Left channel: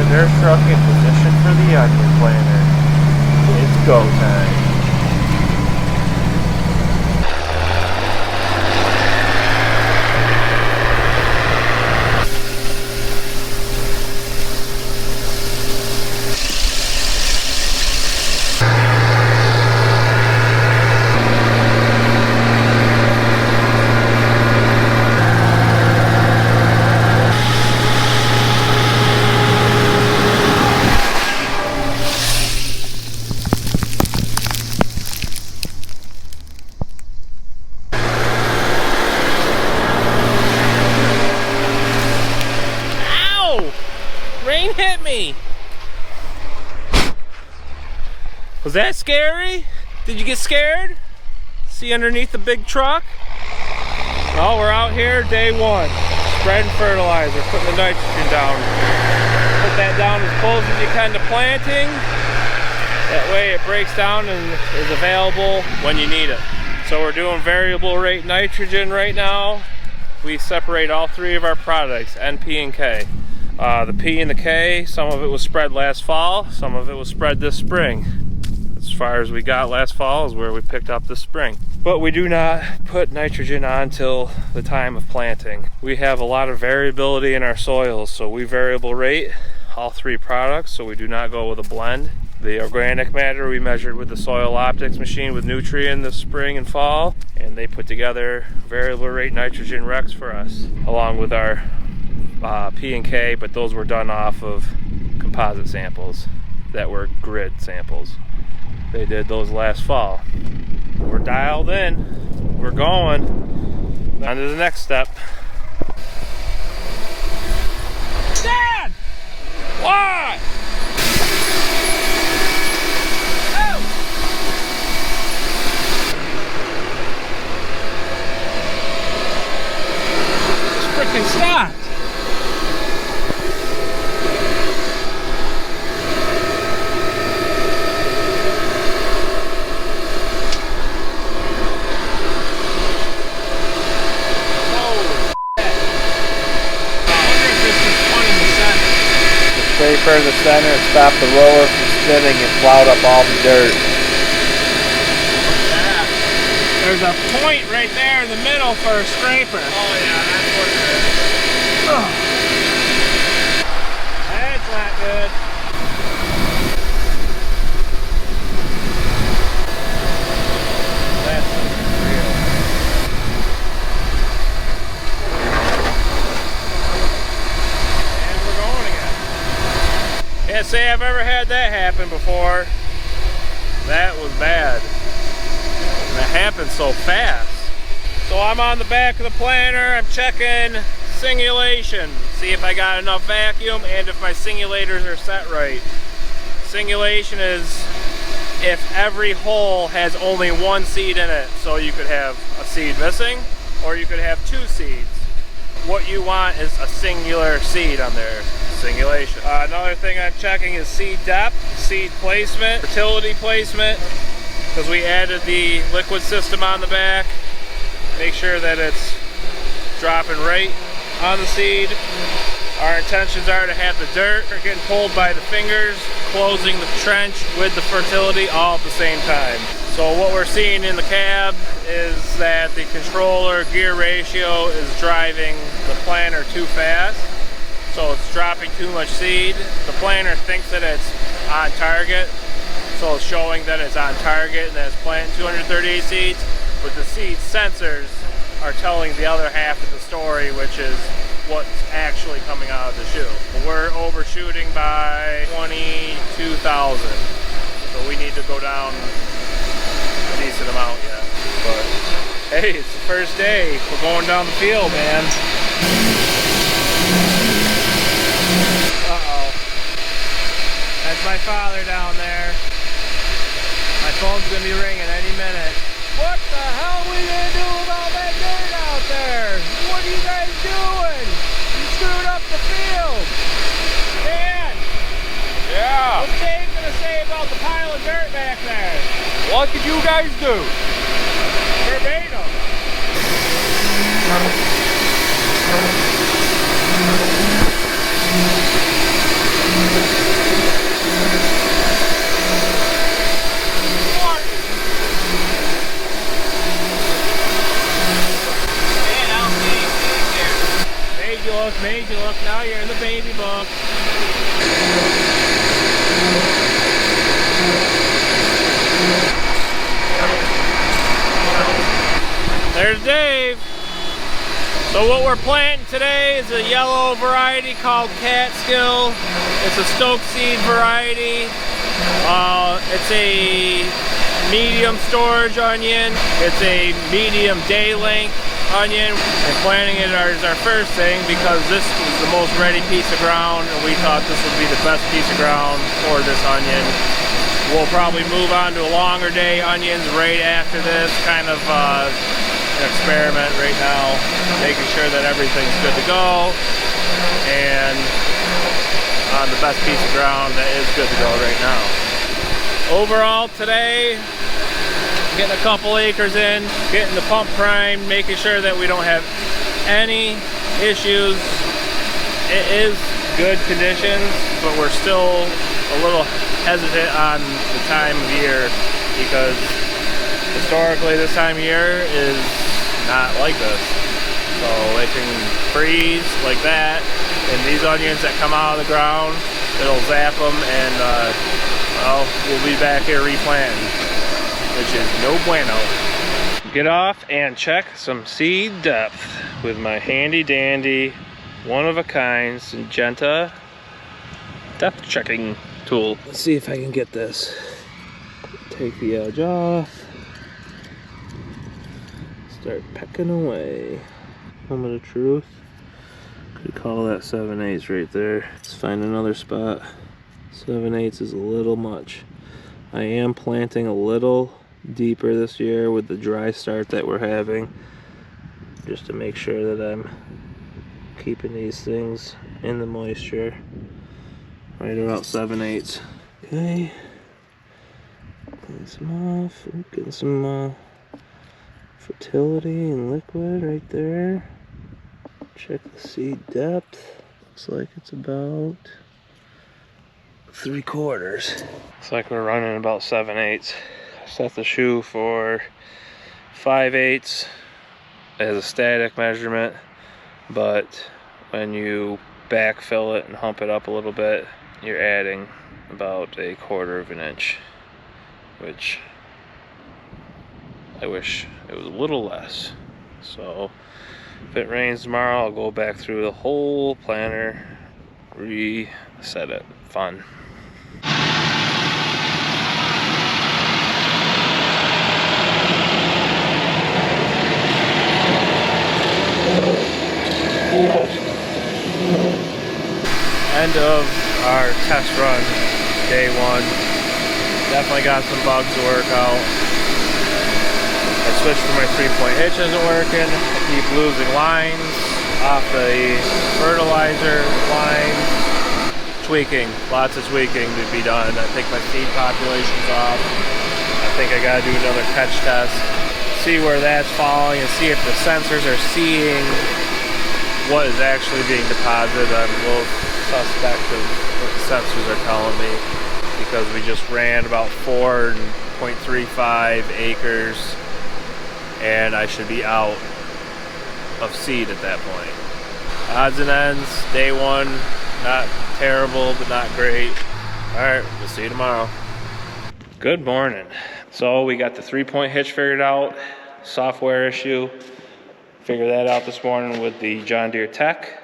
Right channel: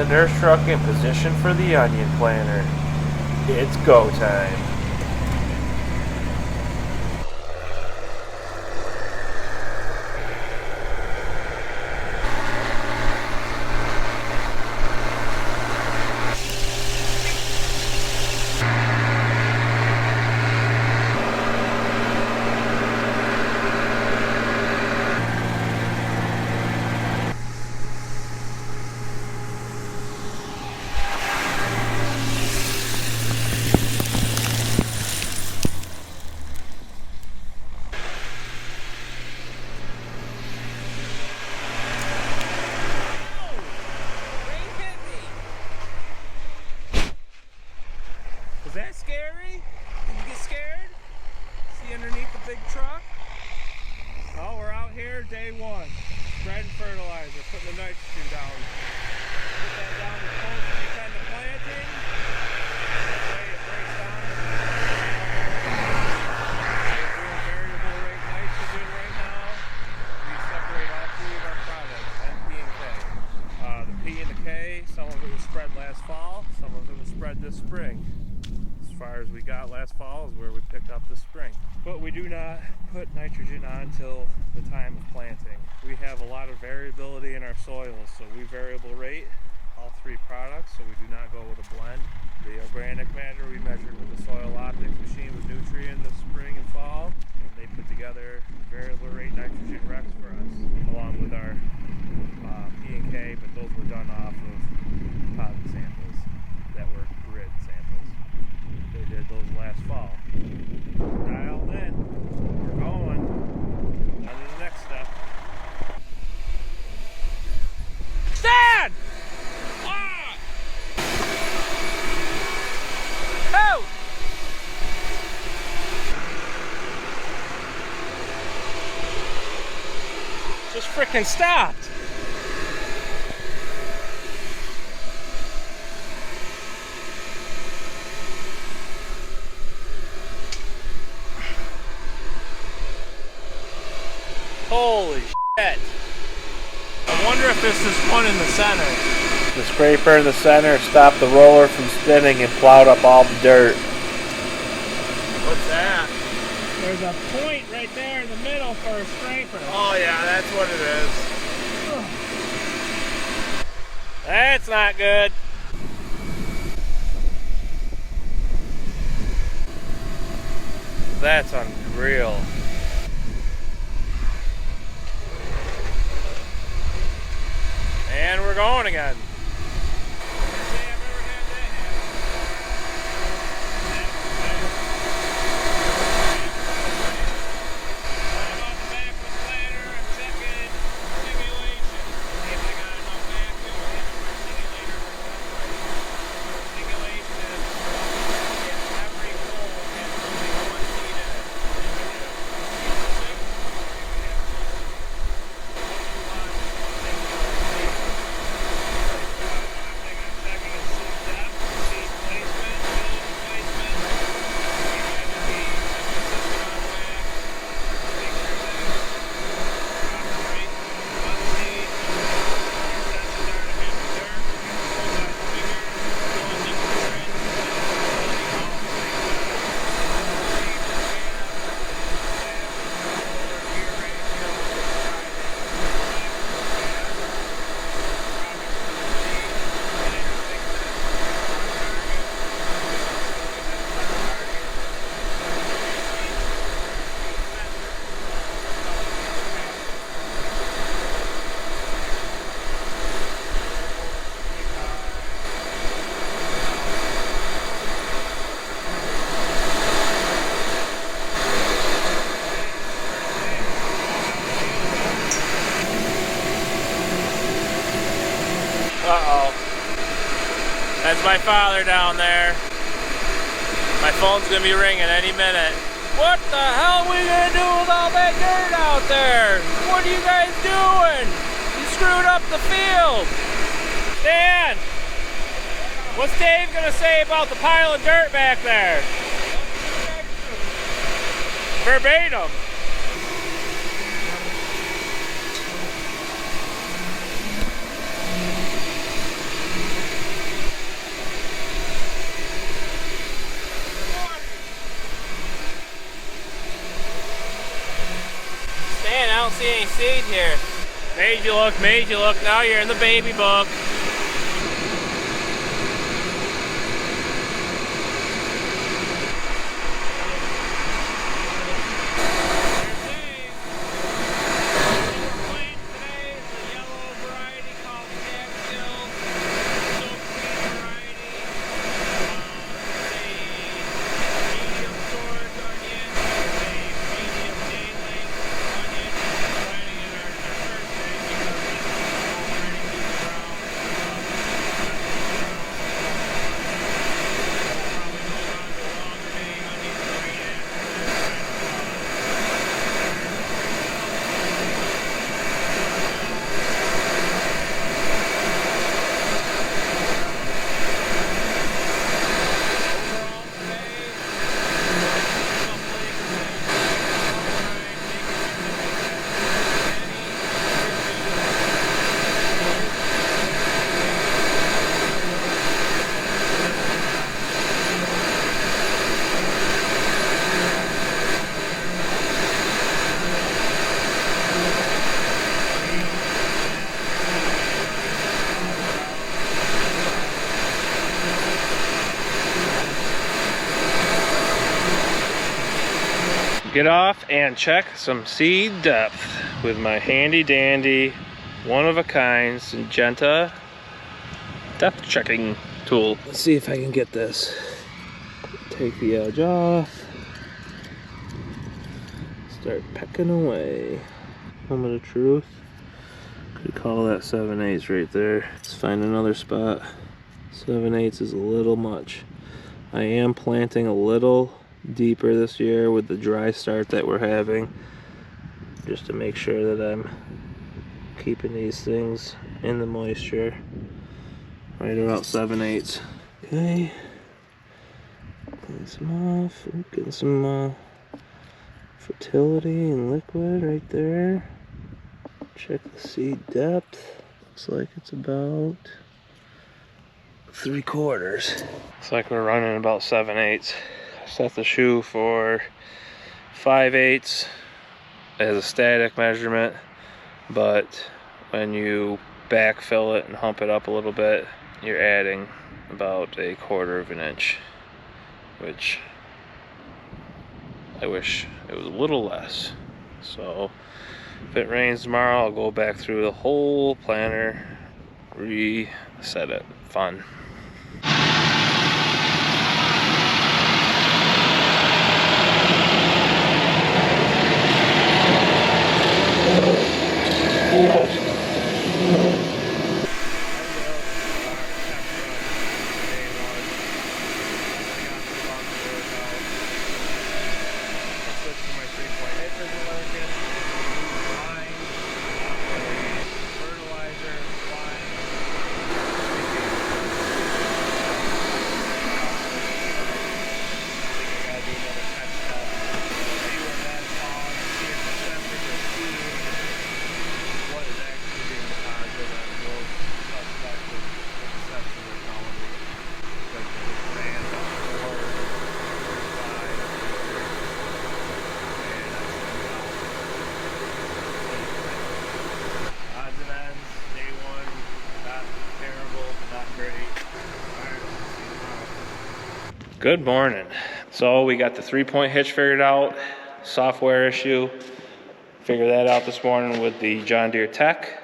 the nurse truck in position for the onion planter. It's go time. Hit me. Was that scary? Did you get scared? See underneath the big truck? Well, we're out here day one, spreading fertilizer, putting the nitrogen down. Put that down as close as you can to planting. That way it breaks down and is available when you need it. So we're doing variable rate nitrogen right now. We separate all three of our products, N, P, and K. The P and the K, some of it was spread last fall, some of it was spread this spring. As far as we got last fall is where we picked up this spring. But we do not put nitrogen on till the time of planting. We have a lot of variability in our soils, so we variable rate all three products, so we do not go with a blend. The organic matter we measured with the soil optics machine with Nutrien this spring and fall, and they put together variable rate nitrogen recs for us, along with our P and K, but those were done off of composite samples that were grid samples. They did those last fall. We're dialed in. We're going. On to the next step. Dad! Why? Oh! Just freaking stopped. Scraper in the center stopped the roller from spinning and plowed up all the dirt. What's that? There's a point right there in the middle for a scraper. Oh yeah, that's what it is. Ugh. That's not good. That's unreal. And we're going again. Can't say I've ever had that happen before. That was bad. It happened so fast. So I'm on the back of the planter. I'm checking singulation. See if I got enough vacuum and if my singulators are set right. Singulation is if every hole has only one seed in it. So you could have a seed missing or you could have two seeds. What you want is a singular seed on there. Singulation. Another thing I'm checking is seed depth, seed placement, fertility placement, because we added the liquid system on the back. Make sure that it's dropping right on the seed. Our intentions are to have the dirt getting pulled by the fingers, closing the trench with the fertility all at the same time. So what we're seeing in the cab is that the controller gear ratio is driving the planter too fast. So it's dropping too much seed. The planter thinks that it's on target, so it's showing that it's on target and that it's planting 238 seeds, but the seed sensors are telling the other half of the story, which is what's actually coming out of the chute. We're overshooting by 22,000, so we need to go down a decent amount of that. Hey, it's the first day. We're going down the field, man. Uh-oh. That's my father down there. My phone's gonna be ringing any minute. What the hell are we gonna do about that dirt out there? What are you guys doing? You screwed up the field. Dan! Yeah? What's Dave gonna say about the pile of dirt back there? What did you guys do? Verbatim. book. Now you're in the baby book. There's Dave. So what we're planting today is a yellow variety called Catskill. It's a stoke seed variety. It's a medium storage onion. It's a medium day length onion. We're planting it as our first thing because this is the most ready piece of ground, and we thought this would be the best piece of ground for this onion. We'll probably move on to longer day onions right after this, kind of an experiment right now, making sure that everything's good to go, and on the best piece of ground that is good to go right now. Overall today, getting a couple acres in, getting the pump primed, making sure that we don't have any issues. It is good conditions, but we're still a little hesitant on the time of year because historically this time of year is not like this. So it can freeze like that, and these onions that come out of the ground, it'll zap them, and well, we'll be back here replanting, which is no bueno. Get off and check some seed depth with my handy dandy, one of a kind Syngenta depth checking tool. Let's see if I can get this. Take the edge off. Start pecking away. Moment of truth. Could call that 7/8 right there. Let's find another spot. 7/8 is a little much. I am planting a little deeper this year with the dry start that we're having, just to make sure that I'm keeping these things in the moisture. Right about 7/8. Okay. Getting some off. Getting some fertility and liquid right there. Check the seed depth. Looks like it's about 3/4. Looks like we're running about 7/8. Set the shoe for 5/8 as a static measurement, but when you backfill it and hump it up a little bit, you're adding about 1/4 inch, which I wish it was a little less. So if it rains tomorrow, I'll go back through the whole planter, reset it. Fun. End of our test run, day one. Definitely got some bugs to work out. I switched to my 3-point hitch, isn't working. Keep losing lines off the fertilizer lines. Tweaking, lots of tweaking to be done. I think my seed population's off. I think I gotta do another catch test, see where that's falling, and see if the sensors are seeing what is actually being deposited. I'm a little suspect of what the sensors are telling me, because we just ran about 4.35 acres, and I should be out of seed at that point. Odds and ends, day one, not terrible, but not great. All right, we'll see you tomorrow. Good morning. So we got the 3-point hitch figured out, software issue. Figured that out this morning with the John Deere Tech.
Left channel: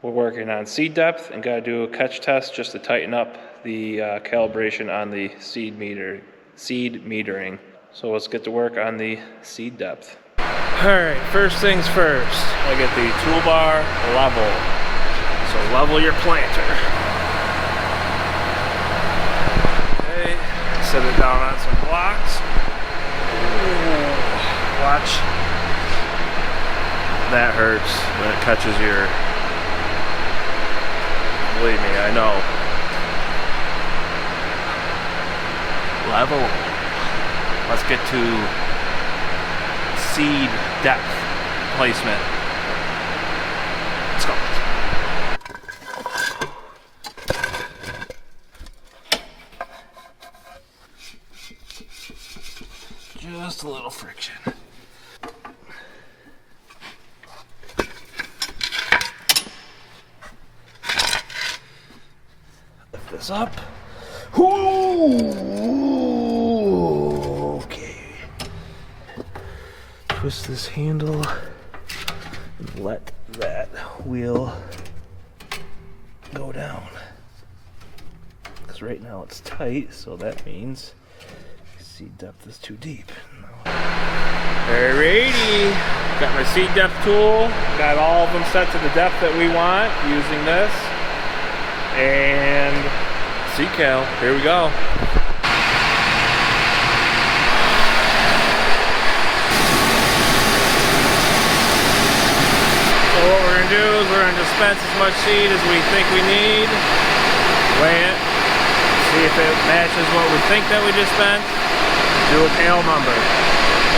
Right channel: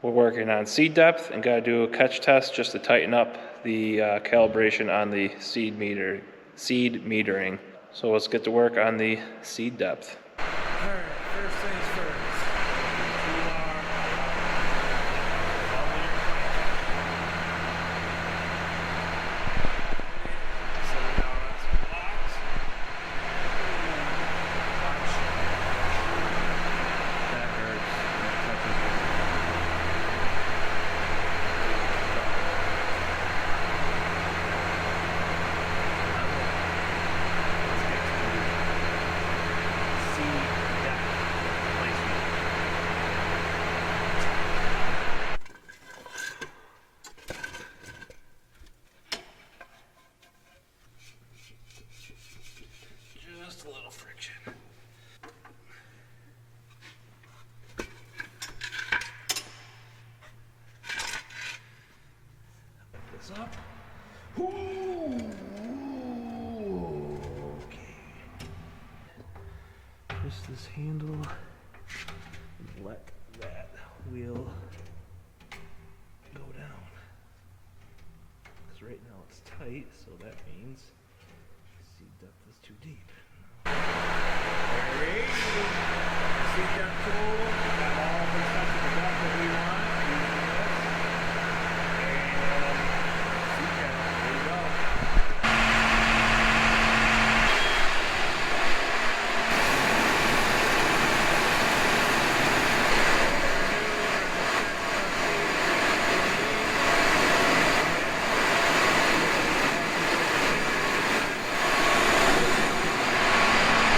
We're working on seed depth and gotta do a catch test just to tighten up the calibration on the seed metering. So let's get to work on the seed depth. All right, first things first, I get the toolbar level. So level your planter. Okay, set it down on some blocks. Ooh, watch. That hurts when it touches your, believe me, I know. Level. Let's get to seed depth placement. Let's go. Just a little friction. this up. Ooh, okay. Twist this handle and let that wheel go down. Because right now it's tight, so that means seat depth is too deep. Alrighty, got my seat depth tool, got all of them set to the depth that we want using this, and seat cal, here we go. So what we're going to do is we're going to dispense as much seat as we think we need, weigh it, see if it matches what we think that we just spent, do a tail number.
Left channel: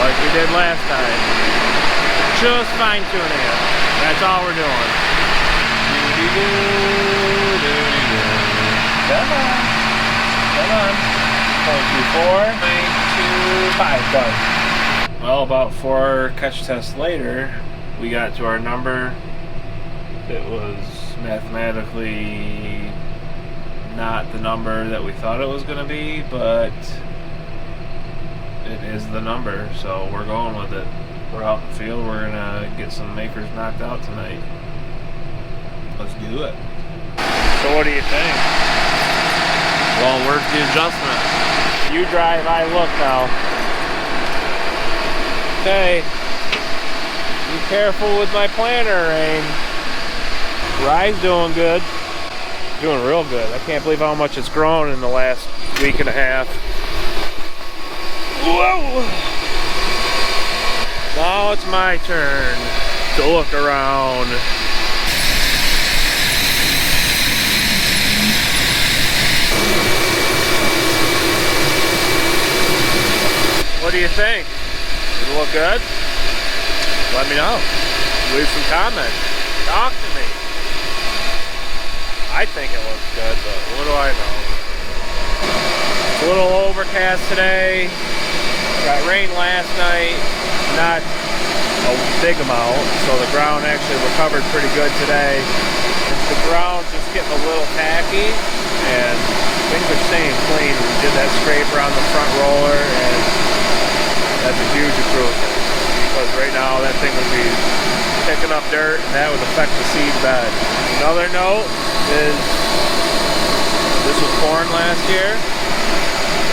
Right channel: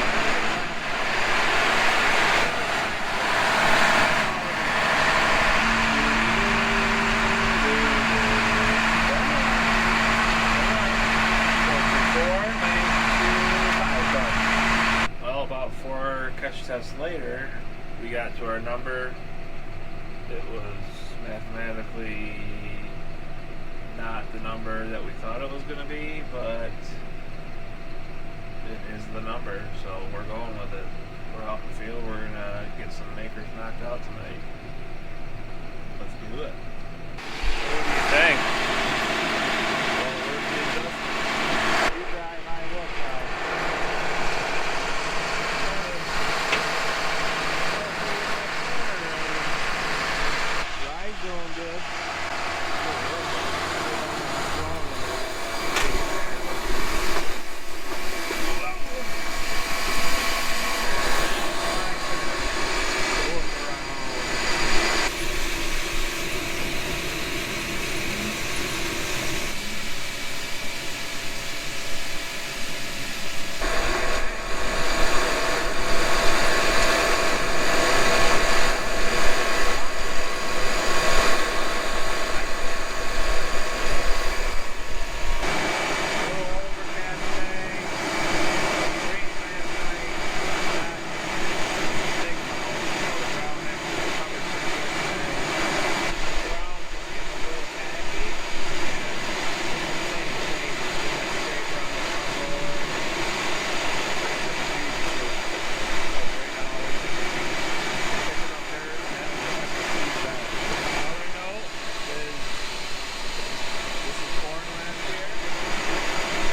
Like we did last time. Just fine tuning it. That's all we're doing. Come on. 0.24, 0.25, done. Well, about 4 catch tests later, we got to our number. It was mathematically not the number that we thought it was going to be, but it is the number, so we're going with it. We're out in the field, we're gonna get some makers knocked out tonight. Let's do it. So what do you think? Well, where's the adjustment? You drive, I look now. Okay. Be careful with my planter, Rain. Rye's doing good. Doing real good. I can't believe how much it's grown in the last week and a half. Whoa! Now it's my turn to look around. What do you think? Does it look good? Let me know. Leave some comments. Talk to me. I think it looks good, but what do I think? It's a little overcast today. Got rain last night, not a big amount, so the ground actually recovered pretty good today. The ground's just getting a little tacky, and things are staying clean. We did that scraper on the front roller, and that's a huge improvement. Because right now that thing would be picking up dirt, and that would affect the seed bed. Another note is this was corn last year,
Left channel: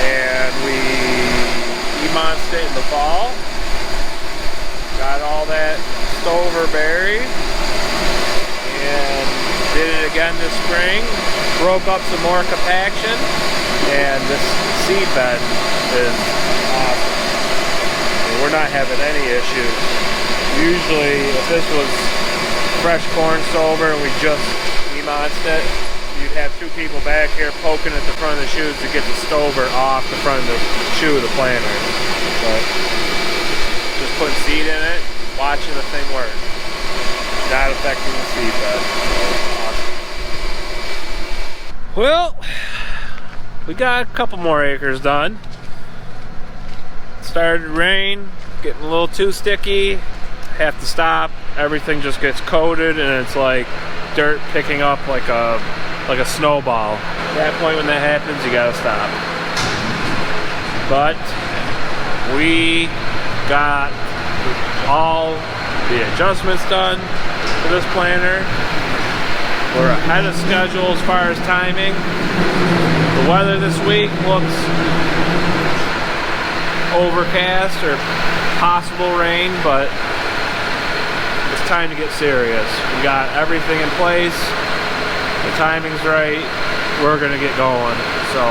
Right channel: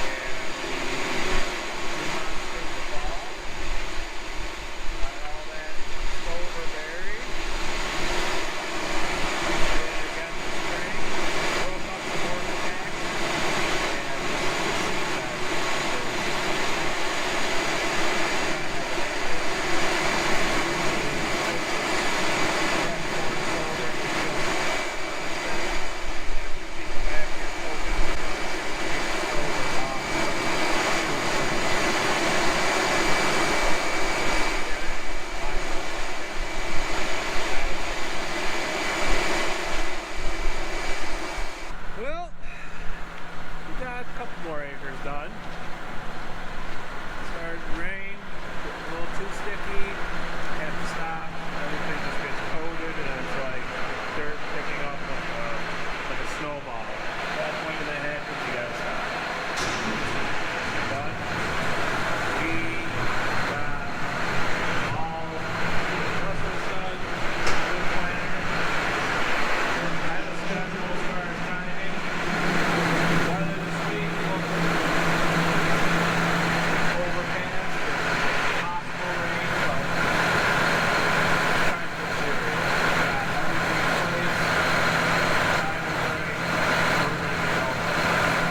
and we monster in the fall. Got all that stover buried and did it again this spring. Broke up some more compaction, and this seed bed is awesome. We're not having any issues. Usually if this was fresh corn stover and we just monstered it, you'd have 2 people back here poking at the front of the chute to get the stover off the front of the chute of the planter. But just putting seed in it, watching the thing work. Not affecting the seed bed. Well, we got a couple more acres done. Started to rain, getting a little too sticky. Have to stop. Everything just gets coated, and it's like dirt picking up like a snowball. At that point when that happens, you gotta stop. But we got all the adjustments done for this planter. We're ahead of schedule as far as timing. The weather this week looks overcast or possible rain, but it's time to get serious. We got everything in place. The timing's right. We're gonna get going. So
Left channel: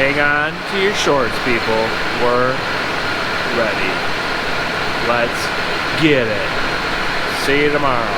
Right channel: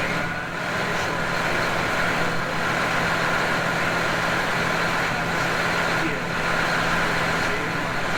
hang on to your shorts, people. We're ready. Let's get it. See you tomorrow.